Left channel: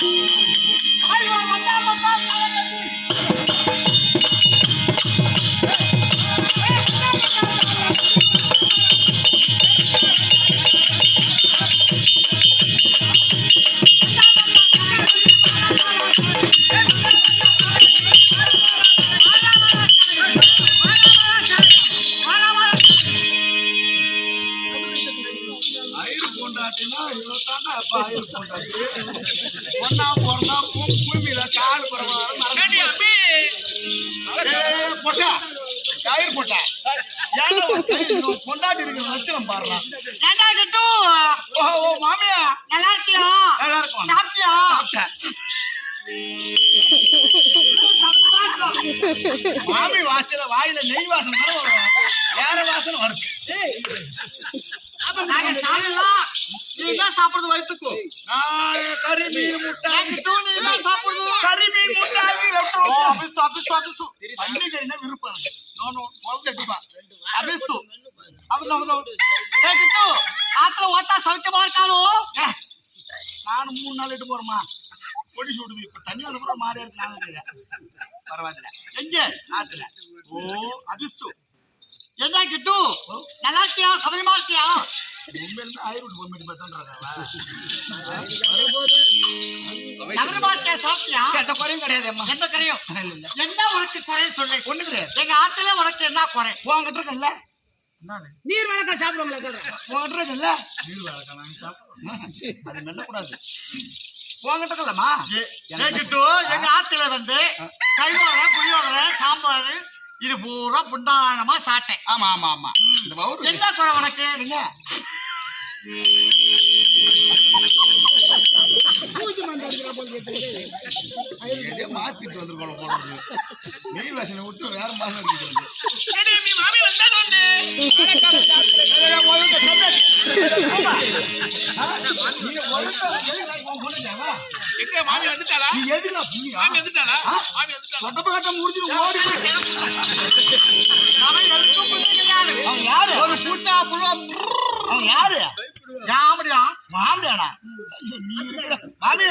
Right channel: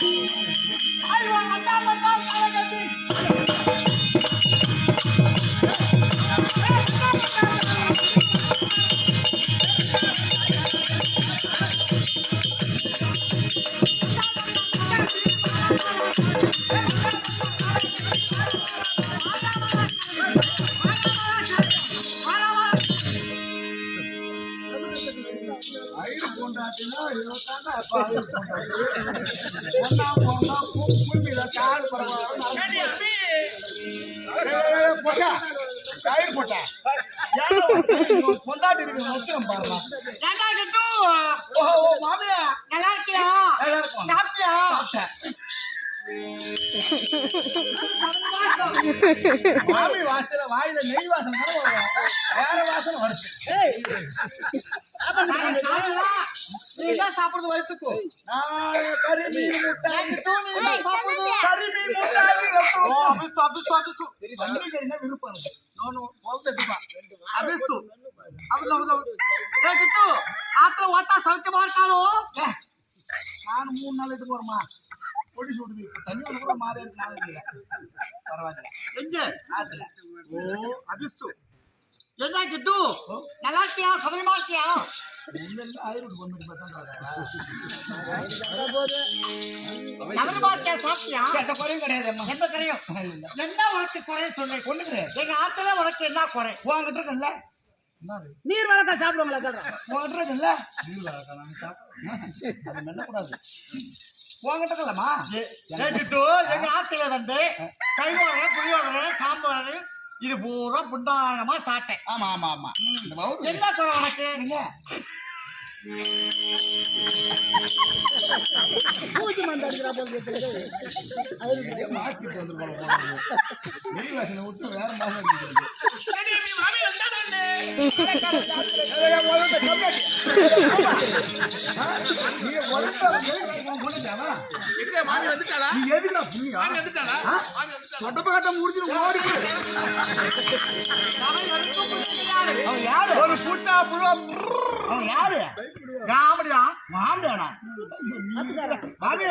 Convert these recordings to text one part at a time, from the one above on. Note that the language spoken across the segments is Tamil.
ஐயோ பொண்டாட்டினா இவத்தாங்க அப்பா ஐயர் பொண்டாட்டி ஒன்னா பிறந்தா பூமியில கால் பரவாயில்ல போட்டா பொண்டாட்டி இருக்கிற லட்சணம் ஓ ஓ மாமியா நல்லா இருக்கியா நல்லா இருக்கும் சாப்பிட்டியா சாப்பிட்டேன் மாமி வாசல வாயில நெய் வாசனை வேற வாசனை வருது நாங்க சாப்பிடலாம். நீ தான் சாப்பிடுறது? வயிற்றுக்கு நான் கறி மீன் முட்டை. சாப்பிடுறது? கறி மீன் முட்டை. அபிஸ்து அபிஸ்து அபிஸ்து பண்டிகைன்னா விருப்பம் இருக்கு அபிஸ்து அபிஸ்து அபிஸ்து ஏ கிட்டு ஆத்துல ஓட்டா சௌக்கியமா இருக்காளோ? நானும் மூணு நாள் இட்டு போறேம்மா. பொடி சுடுது. இப்ப தண்ணி அனுப்புற மாதிரியா இருக்கு நானும் இருக்கிறேன். பரவாயில்ல. எங்க? ஆத்துல. ஓ அபிஸ்து என்ன கிட்டு நல்லா இருக்கியா சதவீதமா இருக்கியா என்ன உனக்கு குறை சொல்லு ஒண்ணு கிடையாது எங்க ஆத்துல உனக்கு என்ன குறை உங்ககிட்ட இருக்குல்ல நீர் வழக்கா சாப்பிடுவாங்களா கேள்றேன் உங்ககிட்ட இருக்குல்ல நீர் சாப்பிடுறேன். அது மெல்லக்கூடாது உங்ககிட்ட கிட்டு எங்க ஆத்துல வந்து கைவாழை புளியோதரை சாம்பார் இது பூரா புண்டானமா சாப்பிட்டேன் ஆமா ஆமா ஆமா இந்த பவுரு என்ன குறை உனக்கு இல்ல பூஜை மந்த அடிக்கிறா போல கேட்டு மாத்திட்டு நெய் வாசனை விட்டு வேற மாசம் அடிக்கிறது மாமி வந்தானே எங்க மாமி வந்துட்டாளா? நீ எதுனா புண்ணியா? மாமி வந்துட்டாளா? மாமி வந்துட்டாளா? தொட்டப்ப கட்ட முடிஞ்சிடும் ஓடி அவன் எதுக்கும் புள்ள கிடையாது. அவன் யாரு? ஒரு புட்டா புழுவ அவன் யாரு? யாமடியா மாமியானா நீ இருக்கிற மாமி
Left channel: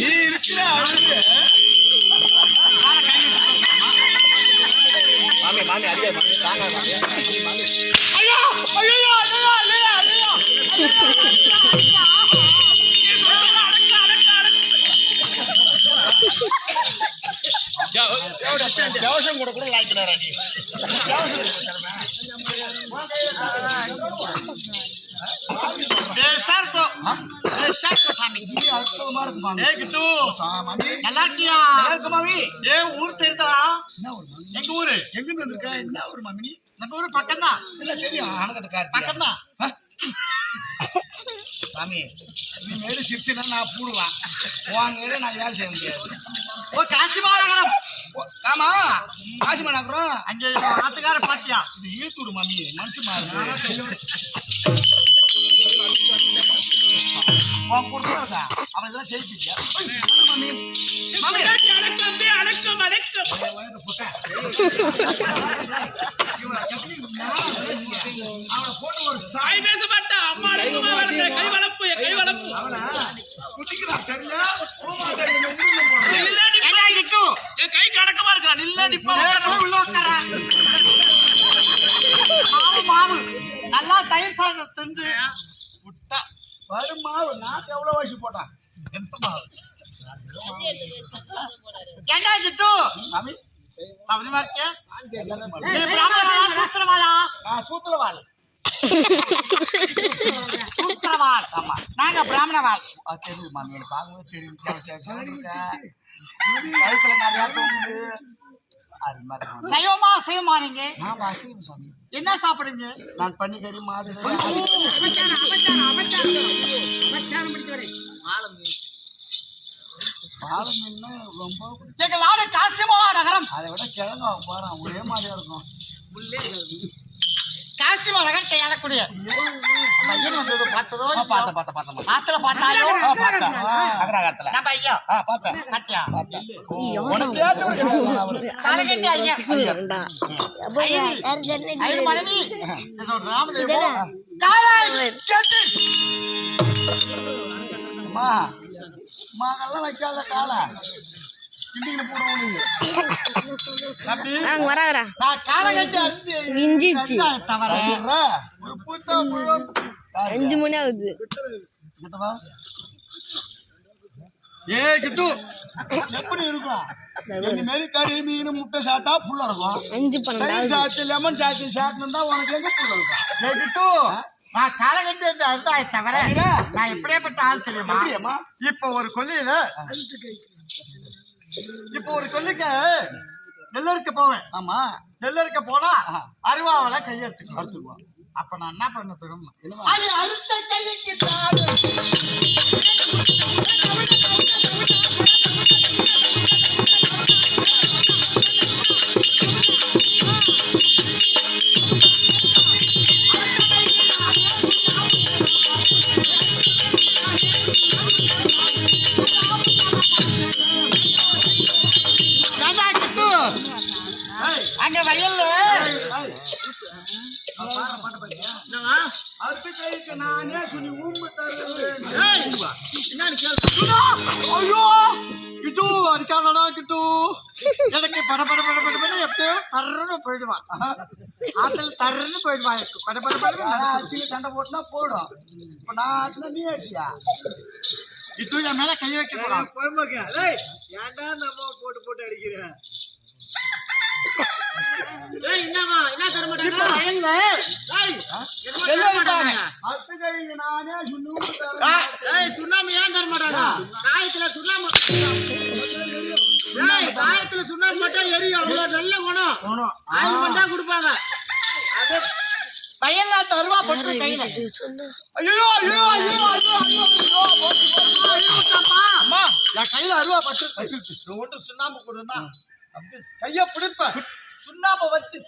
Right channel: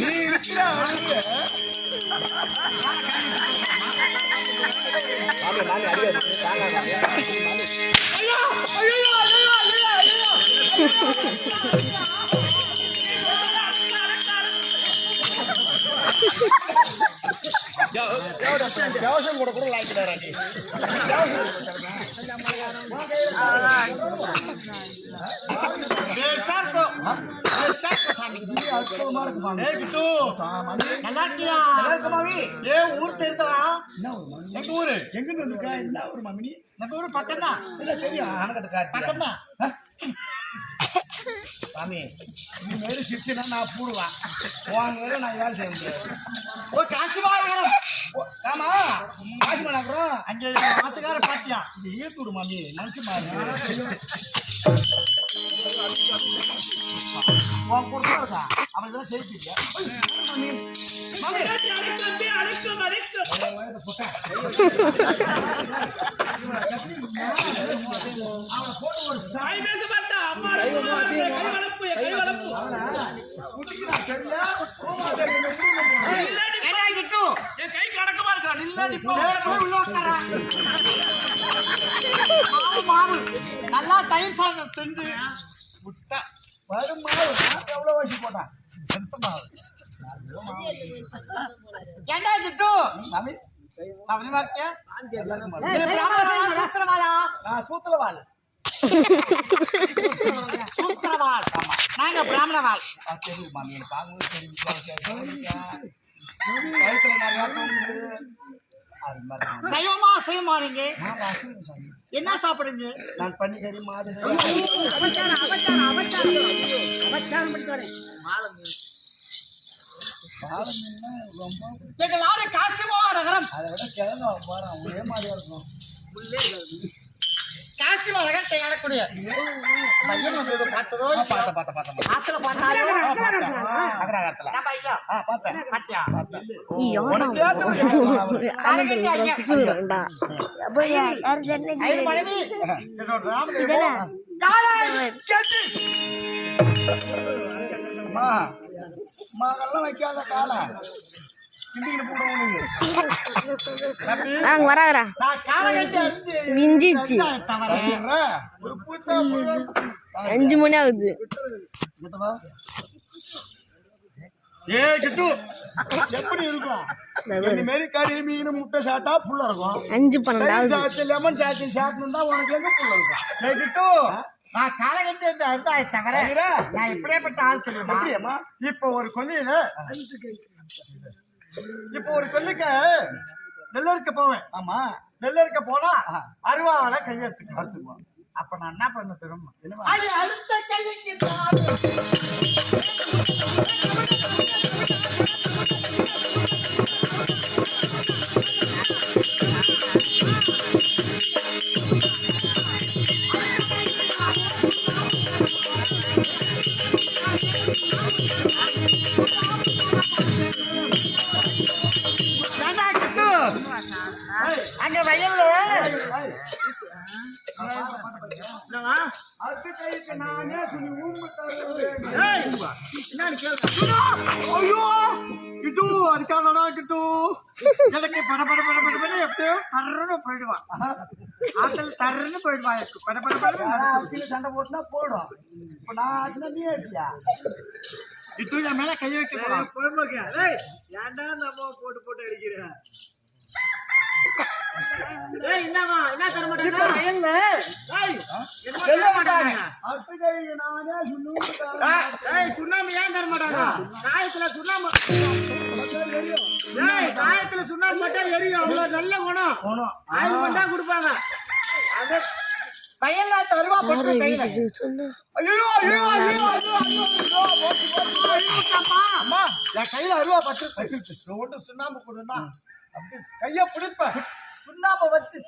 நீ இருக்கிற அழகு. ஐயோ ஐயோ ஐயோ ஐயோ ஐயோ. ஊர் தெரியுதா என்ன ஒரு மாமி எங்க ஊரு எங்க இருந்து வந்திருக்க என்ன ஒரு மாமி நீ நம்ம ஊரு பக்கம் தான் இல்ல தெரியும் ஆனக்கட்ட பக்கம் தான் சாமி நீ மேல சிரிச்சுனா நான் பூடுவேன் உங்க நான் வேலை செய்ய முடியாது ஓ காசி மாநகரம் ஓ, ஆமா காசி மணாக்குறோம் அங்கே ஆத்துக்கார பாத்தியா? இது ஈத்துடு மாமி. மனுஷன் மாறு. உன் கொடுத்தா இருக்கா? அவன் இதெல்லாம் செய்யிச்சிருக்கியா மாமி. மாமி. அடக்கம் போட்டா. அவனை ஒரு சா வாய் பேச மாட்டா அம்மா அடக்கமா கை வளர்ப்பு என் கை வளர்ப்பு. அவனை குட்டிக்கிறான் தெரியல பூமா தெரியல ஊருல போனேன் நில்லா நிப்பா. என்ன கிட்டு என் கை அடக்கமா இருக்கா நில்லா நிப்பா ஏ, போய் உள்ள உட்கார. மாவு மாவு. நல்லா தயிர் சாதம் தின்று விட்டா. வருமாவு நான் எவ்வளவு வயசு போட்டான் எந்த மாவு. என்ன கிட்டு சாமி? சபரிமா இருக்கியா? மாவு. சூத்திரவாளா? சூத்திரவாள்? சூத்திரவாள். நாங்க பிராமணவாள். மாமி. எனக்கு பார்க்கும்போது தெரியும். கழுத்துல நிறையா தோணுது சைவமா சைவமா நீங்க? என்ன சாப்பிடுங்க நான் மாடு படிச்சவனே பாலம் மீன்னா ரொம்ப எங்க நாடு நகரம். அதை விட கிழங்கு போறான் ஒரே மாதிரியா இருக்கும். ஆடக்கூடிய பையன் வந்து பார்த்ததோ ஆ, பார்த்தேன் பார்த்தேன் பார்த்தேன் ஆத்துல பார்த்தாயோ பார்த்தேன் அகராகரத்துல நம்ம ஐயா ஆ பார்த்தேன் பாத்தியா பார்த்தேன் உனக்கு காலகட்டி ஐயா ஐயர் மனைவி மகள்லாம் வைக்காத காலம் அங்க வராதரா நான் காலை கட்டி அறுத்து விஞ்சிச்சு அஞ்சு மணி ஆகுது. கிட்டவா ஏ கிட்டு எப்படி இருக்கும்? இந்த மாதிரி கறி மீன் முட்டை சாப்பிட்டா புள்ள இருக்கும். அஞ்சு பன்னெண்டாவது சாத்து லெமன் சாத்து சாப்பிட்டு உனக்கு எங்க புள்ள இருக்கும்? ஏ கிட்டு நான் காலை கட்டி அந்த அறுதாய தவிர நான் எப்படியாப்பட்ட ஆள் தெரியுமா? இப்ப ஒரு கொல்லியில இப்ப ஒரு கொல்லிக்க நெல்லறுக்க போவேன். ஆமா. நெல்லறுக்க போனா அருவாவில கையெடுத்துக்குவோம் அறுத்துக்குவோம் அப்ப நான் என்ன பண்ண தெரியுமா? அது அறுத்த கைக்கு அடுத்த கைக்கு நானே சொல்லி ஊம்பு தருவேன் ஐயோ கிட்டு அடிக்காதடா கிட்டு. எனக்கு பட பட பட பட பட எப்படியோ தர்றன்னு போயிடுவான் ஆத்தல் தர்றன்னு போயிடுவான் எனக்கு. பட பட பட சண்டை போட்டுனா போடும். இப்ப நான் அரிசினா நீ அரிசியா? கிட்டு என் மேல கை வைக்க ஏன்டா நம்ம போட்டு போட்டு அடிக்கிறேன் சொல்லி ஊம்பு தருவேன் சுண்ணாம்பு ஏன் தர மாட்டாங்க காயத்துல சுண்ணாம்பு காயத்துல சுண்ணாம்பு போட்டா எரியும் அவ்வளவு நல்ல குணம் ஆயில் பண்ணா கொடுப்பாங்க வயல்ல தருவா போட்டு கையில ஐயோ ஐயோ ஐயோ ஐயோ ஐயோ என் கையில அருவா பட்டு பட்டு ஒன்று சுண்ணாம்பு கொடுன்னா அப்படி கைய பிடிப்ப சுண்ணாம்பை வச்சு